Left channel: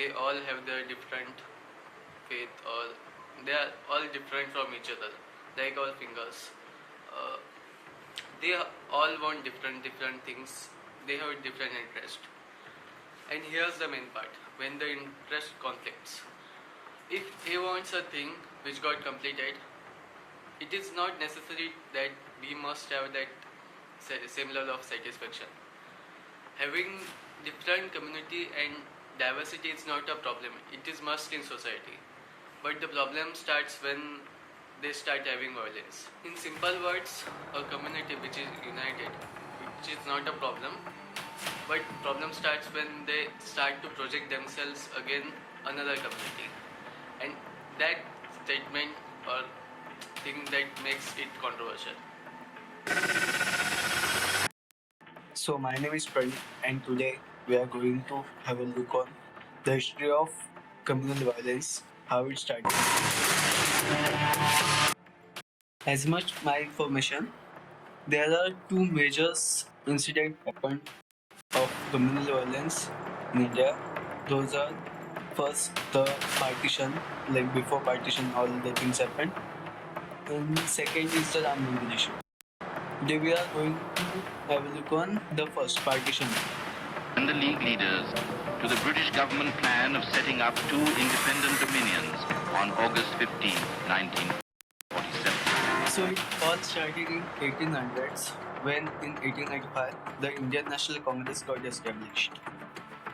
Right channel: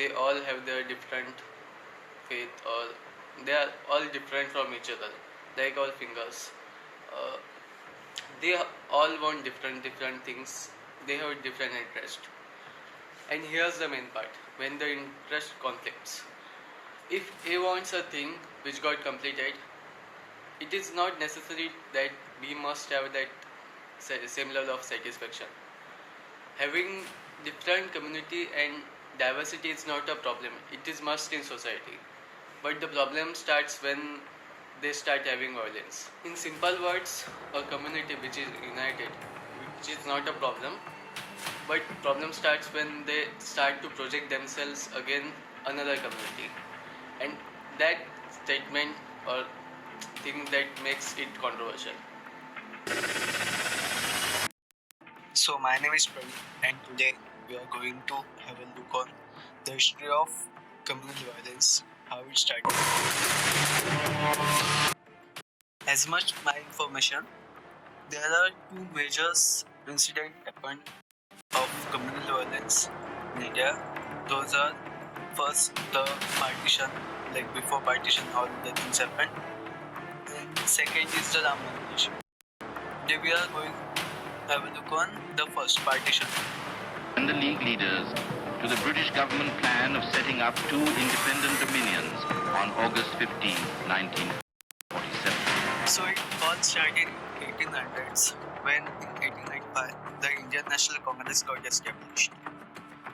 they all have their different faith, or they are all different from each other, like our fingers. uh, they all want different things. They have different interest. And here's the main part: when the interest conflicts. If A wants a thing which got completed, it is not necessary that we must have that same level of satisfaction. Having different community and diversity is not a problem. It is must in society. But the problem starts when they start having violence. In simple words, a community which is united, which is not a problem, but problem starts when they start to project themselves against another community. And that statement or thing that makes it controversial. So my name is Pranit, and today we are going to have a look on the history of communal violence, how it started. As much my information, there are two major incidents happened of communal violence in India. Those are first the partition, like before partition all the things happened, and second is the Ram Mandir issue. Today we are going to have a look on the first partition. And the League leaders to the British government plan of setting up two independent dominions on August 15, 1947. So it all started in 1800s when in 1895 the Indian National Congress got established.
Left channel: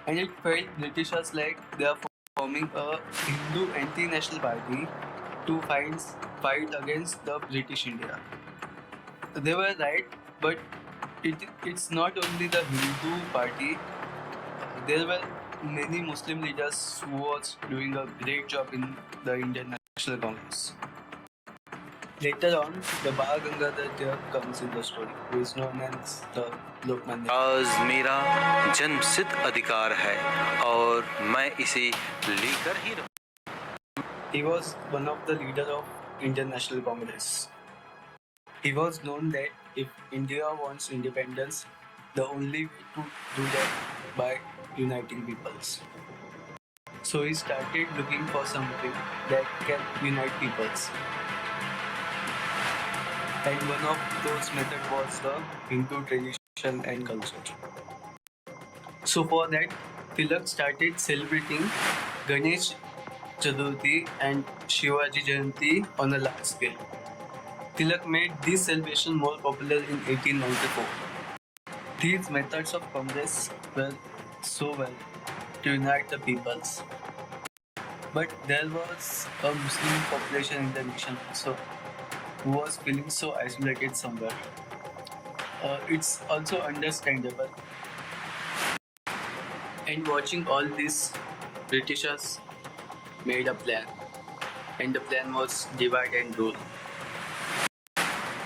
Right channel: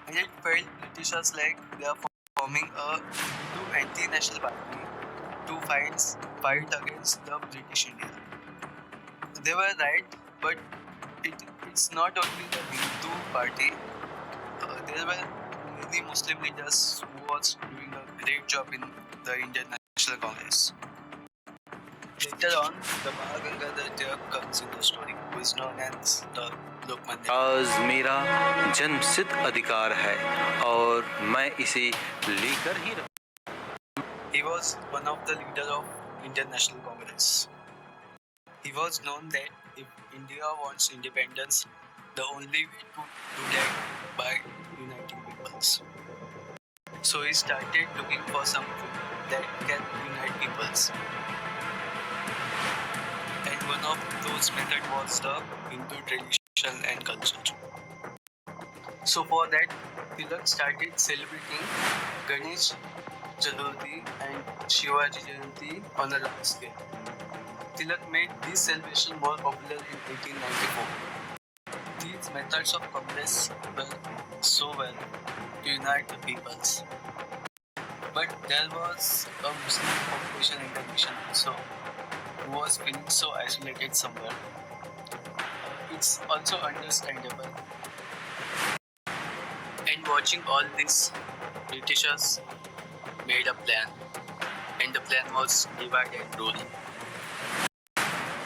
And it felt Britishers like they are forming a Hindu anti-national party to fight against the British India. They were right, but it's not only the Hindu party. There were many Muslim leaders who was doing a great job in the Indian National Congress. Later on, the Bhagagadar Tilak comes in the story, who is known as the Lokmanya. आज मेरा जन्मसिद्ध अधिकार है और मैं इसे लेकर ही रहूं. He was one of the leaders of Indian National Congress. He was known that if India wants independence, the only way to do that by uniting peoples. So he started looking for something that can unite peoples. And one of those methods was the Hindu tradition and culture. So for that, Tilak started celebrating Ganesh Chaturthi and Shivaji Jayanti on a large scale. Tilak made this celebration more popular in 1894. These methods of Congress were so well to unite the peoples. But there was a Muslim population in the nation also who was feeling so isolated somewhere. It's also understandable. And watching all this, Britishers made a plan, and the plan was divide and rule.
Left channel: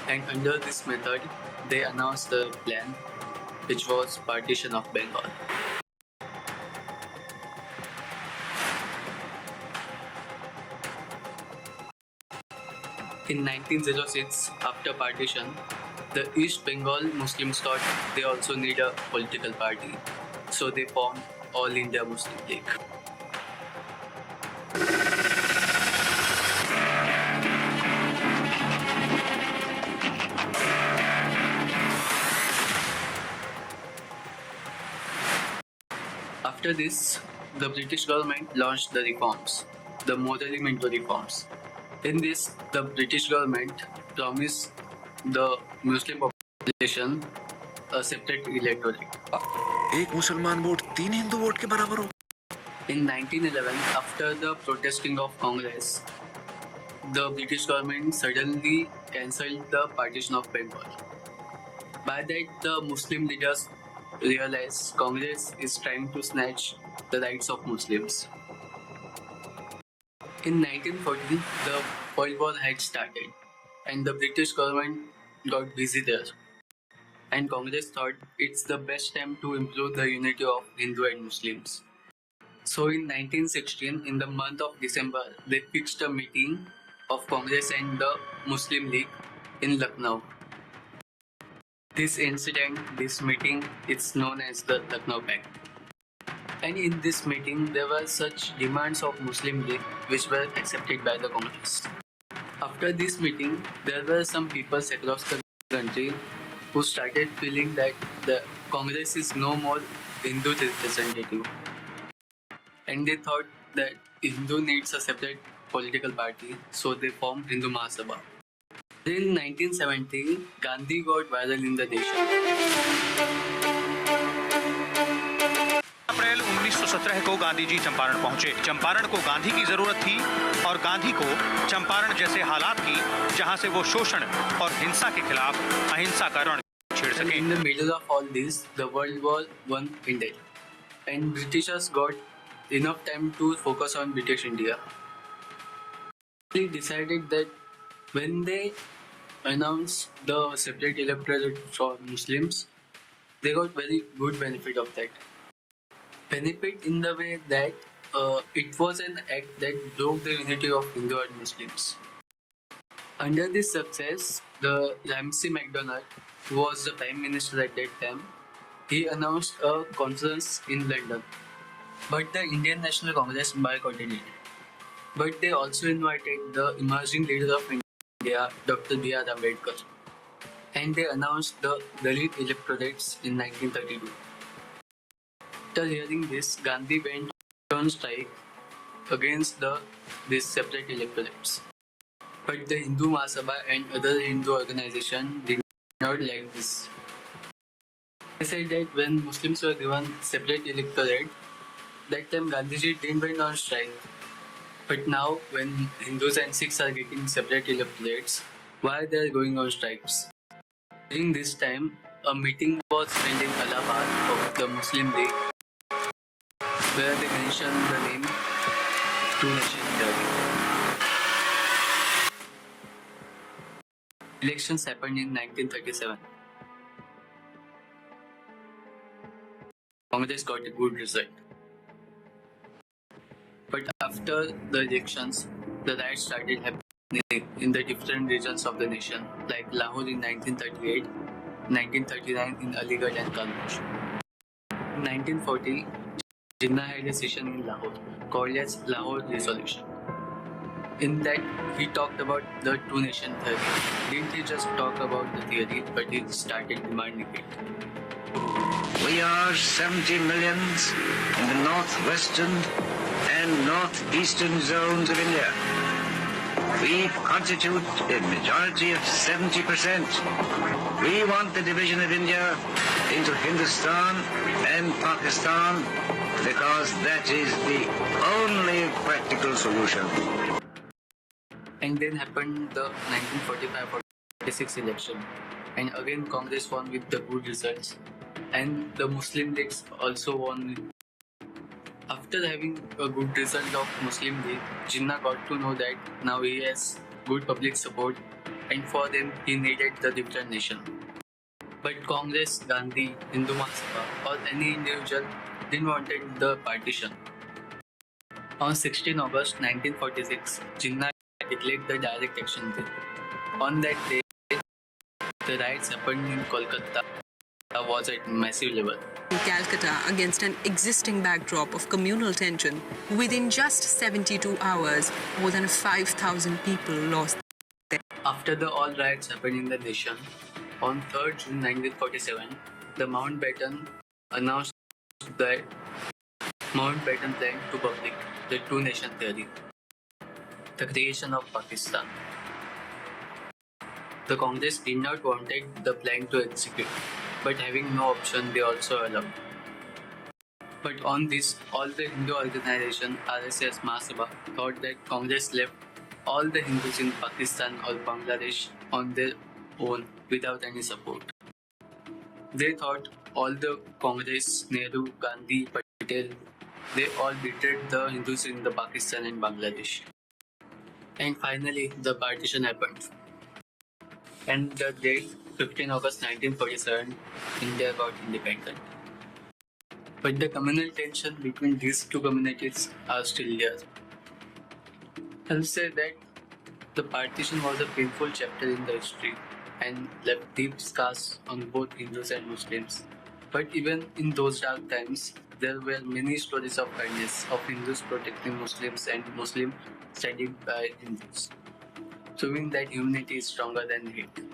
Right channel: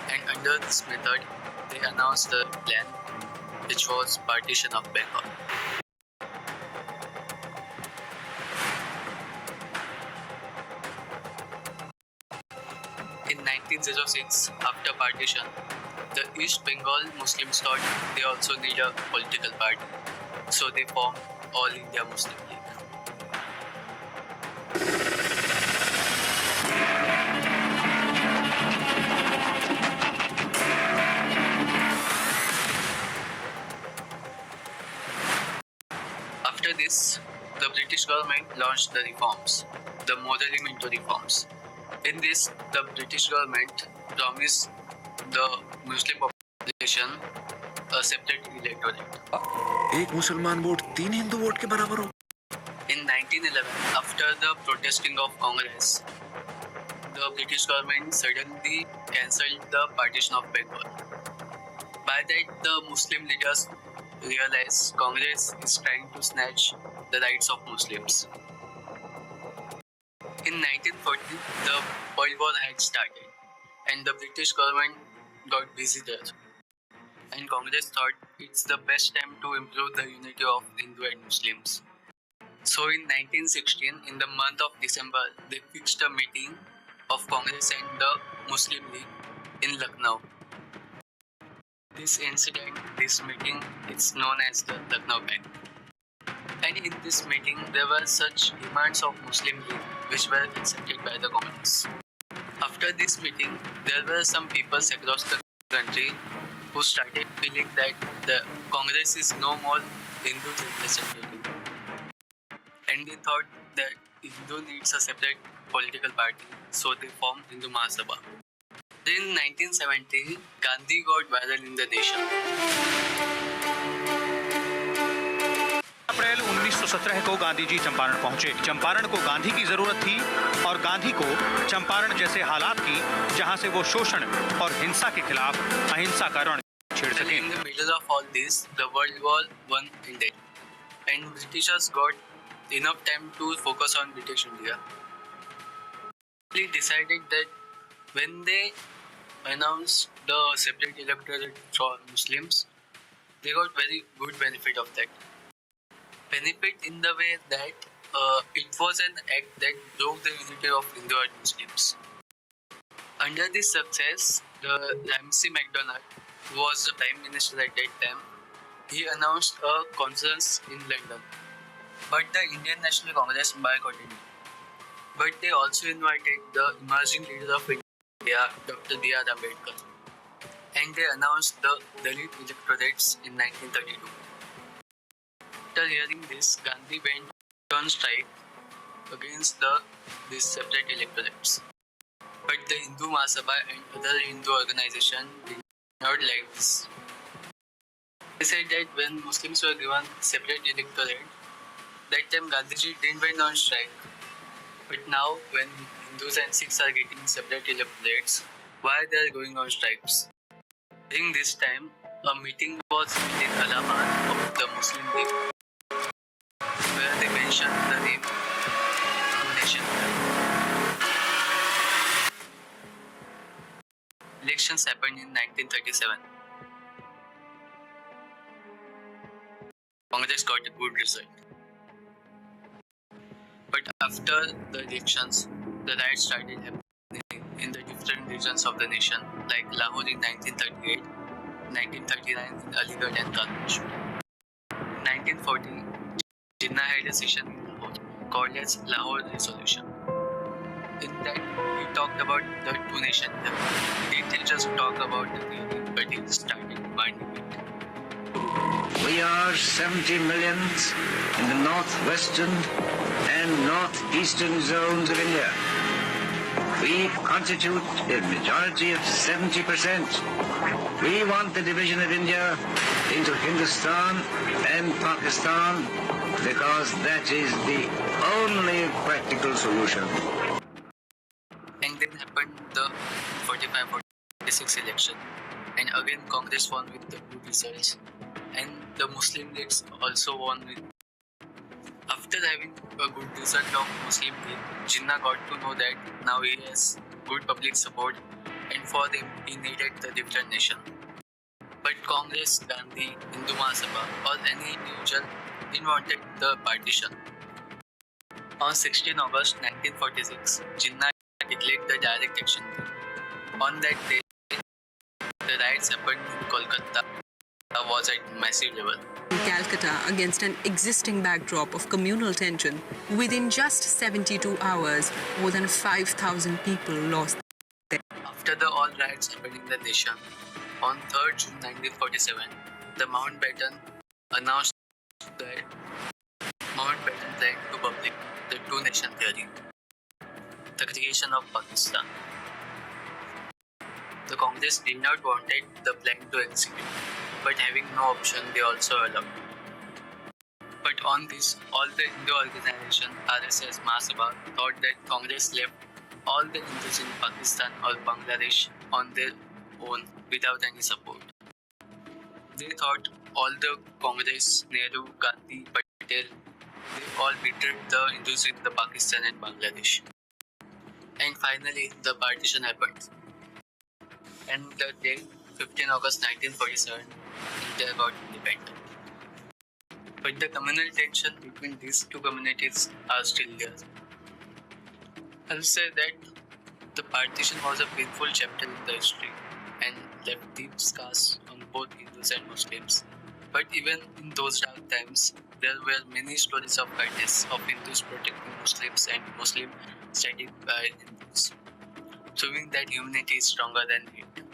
And under this method, they announced the plan, which was partition of Bengal. In 1906, after partition, the East Bengal Muslims thought they also need a political party, so they formed All India Muslim League. After this, the British government launched the reforms, the Morally Minto reforms. In this, the British government promised the Muslim population a separate electorate. एक मुसलमान vote 3 Hindu vote के बराबर हो. In 1911, after the protesting of Congress, the British government suddenly cancelled the partition of Bengal. By that, the Muslim leaders realized Congress is trying to snatch the rights of Muslims. In 1940, the World War had started, and the British government got busy there. And Congress thought it's the best time to improve the unity of Hindu and Muslims. So in 1916, in the month of December, they fixed a meeting of Congress and the Muslim League in Lucknow. This incident, this meeting, is known as the Lucknow Pact. And in this meeting, there were such demands of Muslim League which were accepted by the Congress. After this meeting, there were some people across the country who started feeling that the Congress is no more Hindu representative. And they thought that Hindu needs a separate political party, so they formed Hindu Mahasabha. In 1970, Gandhi got viral in the nation. अप्रैल 1917 को गांधी जी चंपारण पहुंचे। चंपारण को गांधी की जरूरत थी और गांधी को चंपारण जैसे हालात की जहां से वो शोषण और हिंसा के खिलाफ अहिंसा का रण छेड़ सके। In the middle of all this, the World War I ended, and Britishers got enough time to focus on British India. They decided that when they announced the separate electorate for Muslims, they got very good benefit of that. Benefit in the way that it was an act that broke the unity of Hindu and Muslims. Under this success, the Ramsay MacDonald, who was the Prime Minister at that time, he announced a conference in London. But the Indian National Congress boycotted it. But they also invited the emerging leader of India, Dr. B.R. Ambedkar. And they announced the Dalit electorates in 1932. After hearing this, Gandhi went on strike against these separate electorates. But the Hindu Mahasabha and other Hindu organizations did not like this. They said that when Muslims were given separate electorate, that time Gandhiji didn't went on strike. But now when Hindus and Sikhs are getting separate electorates, why they are going on strikes? During this time, a meeting was held in Allahabad of the Muslim League, where they mentioned the name Two Nation Theory. Elections happened in 1937. Congress got a good result. But after the elections, the riots started happening in the different regions of the nation, like Lahore in 1938, 1939 in Aligarh and Karachi. In 1940, Jinnah had a session in Lahore called as Lahore Resolution. In that, he talked about the two nation theory. Didn't he just talk about the theory, but he started demanding it. We are 70 millions in the northwestern and northeastern zones of India. We constitute a majority of 70%. We want the division of India into Hindustan and Pakistan because that is the only practical solution. And then happened the 1945-46 election. And again Congress won with the good results. And the Muslim Leagues also won with. After having a good result of Muslim League, Jinnah got to know that now he has good public support, and for them he needed the different nation. But Congress, Gandhi, Hindu Mahasabha or any individual didn't wanted the partition. On 16 August 1946, Jinnah declared the direct action day. On that day, the riots happened in Kolkata was at massive level. In Calcutta, against an existing backdrop of communal tension, within just 72 hours, more than 5,000 people lost their lives. After the all riots happened in the nation, on 3rd June 1947, the Mountbatten announced that Mountbatten planned to public the two nation theory, the creation of Pakistan. The Congress did not wanted the plan to execute, but having no option, they also allowed. But on this, all the Hindu organization RSS Mahasabha thought that Congress left all the Hindus in Pakistan or Bangladesh on their own without any support. They thought all the Congress, Nehru, Gandhi, Patel, they all betrayed the Hindus in the Pakistan and Bangladesh. And finally, the partition happened. And the date 15 August 1947, India got independent. But the communal tension between these two communities are still there. I'll say that the partition was a painful chapter in the history and left deep scars on both Hindus and Muslims. But even in those dark times, there were many stories of kindness, of Hindus protecting Muslims and Muslims standing by Hindus, showing that humanity is stronger than hate.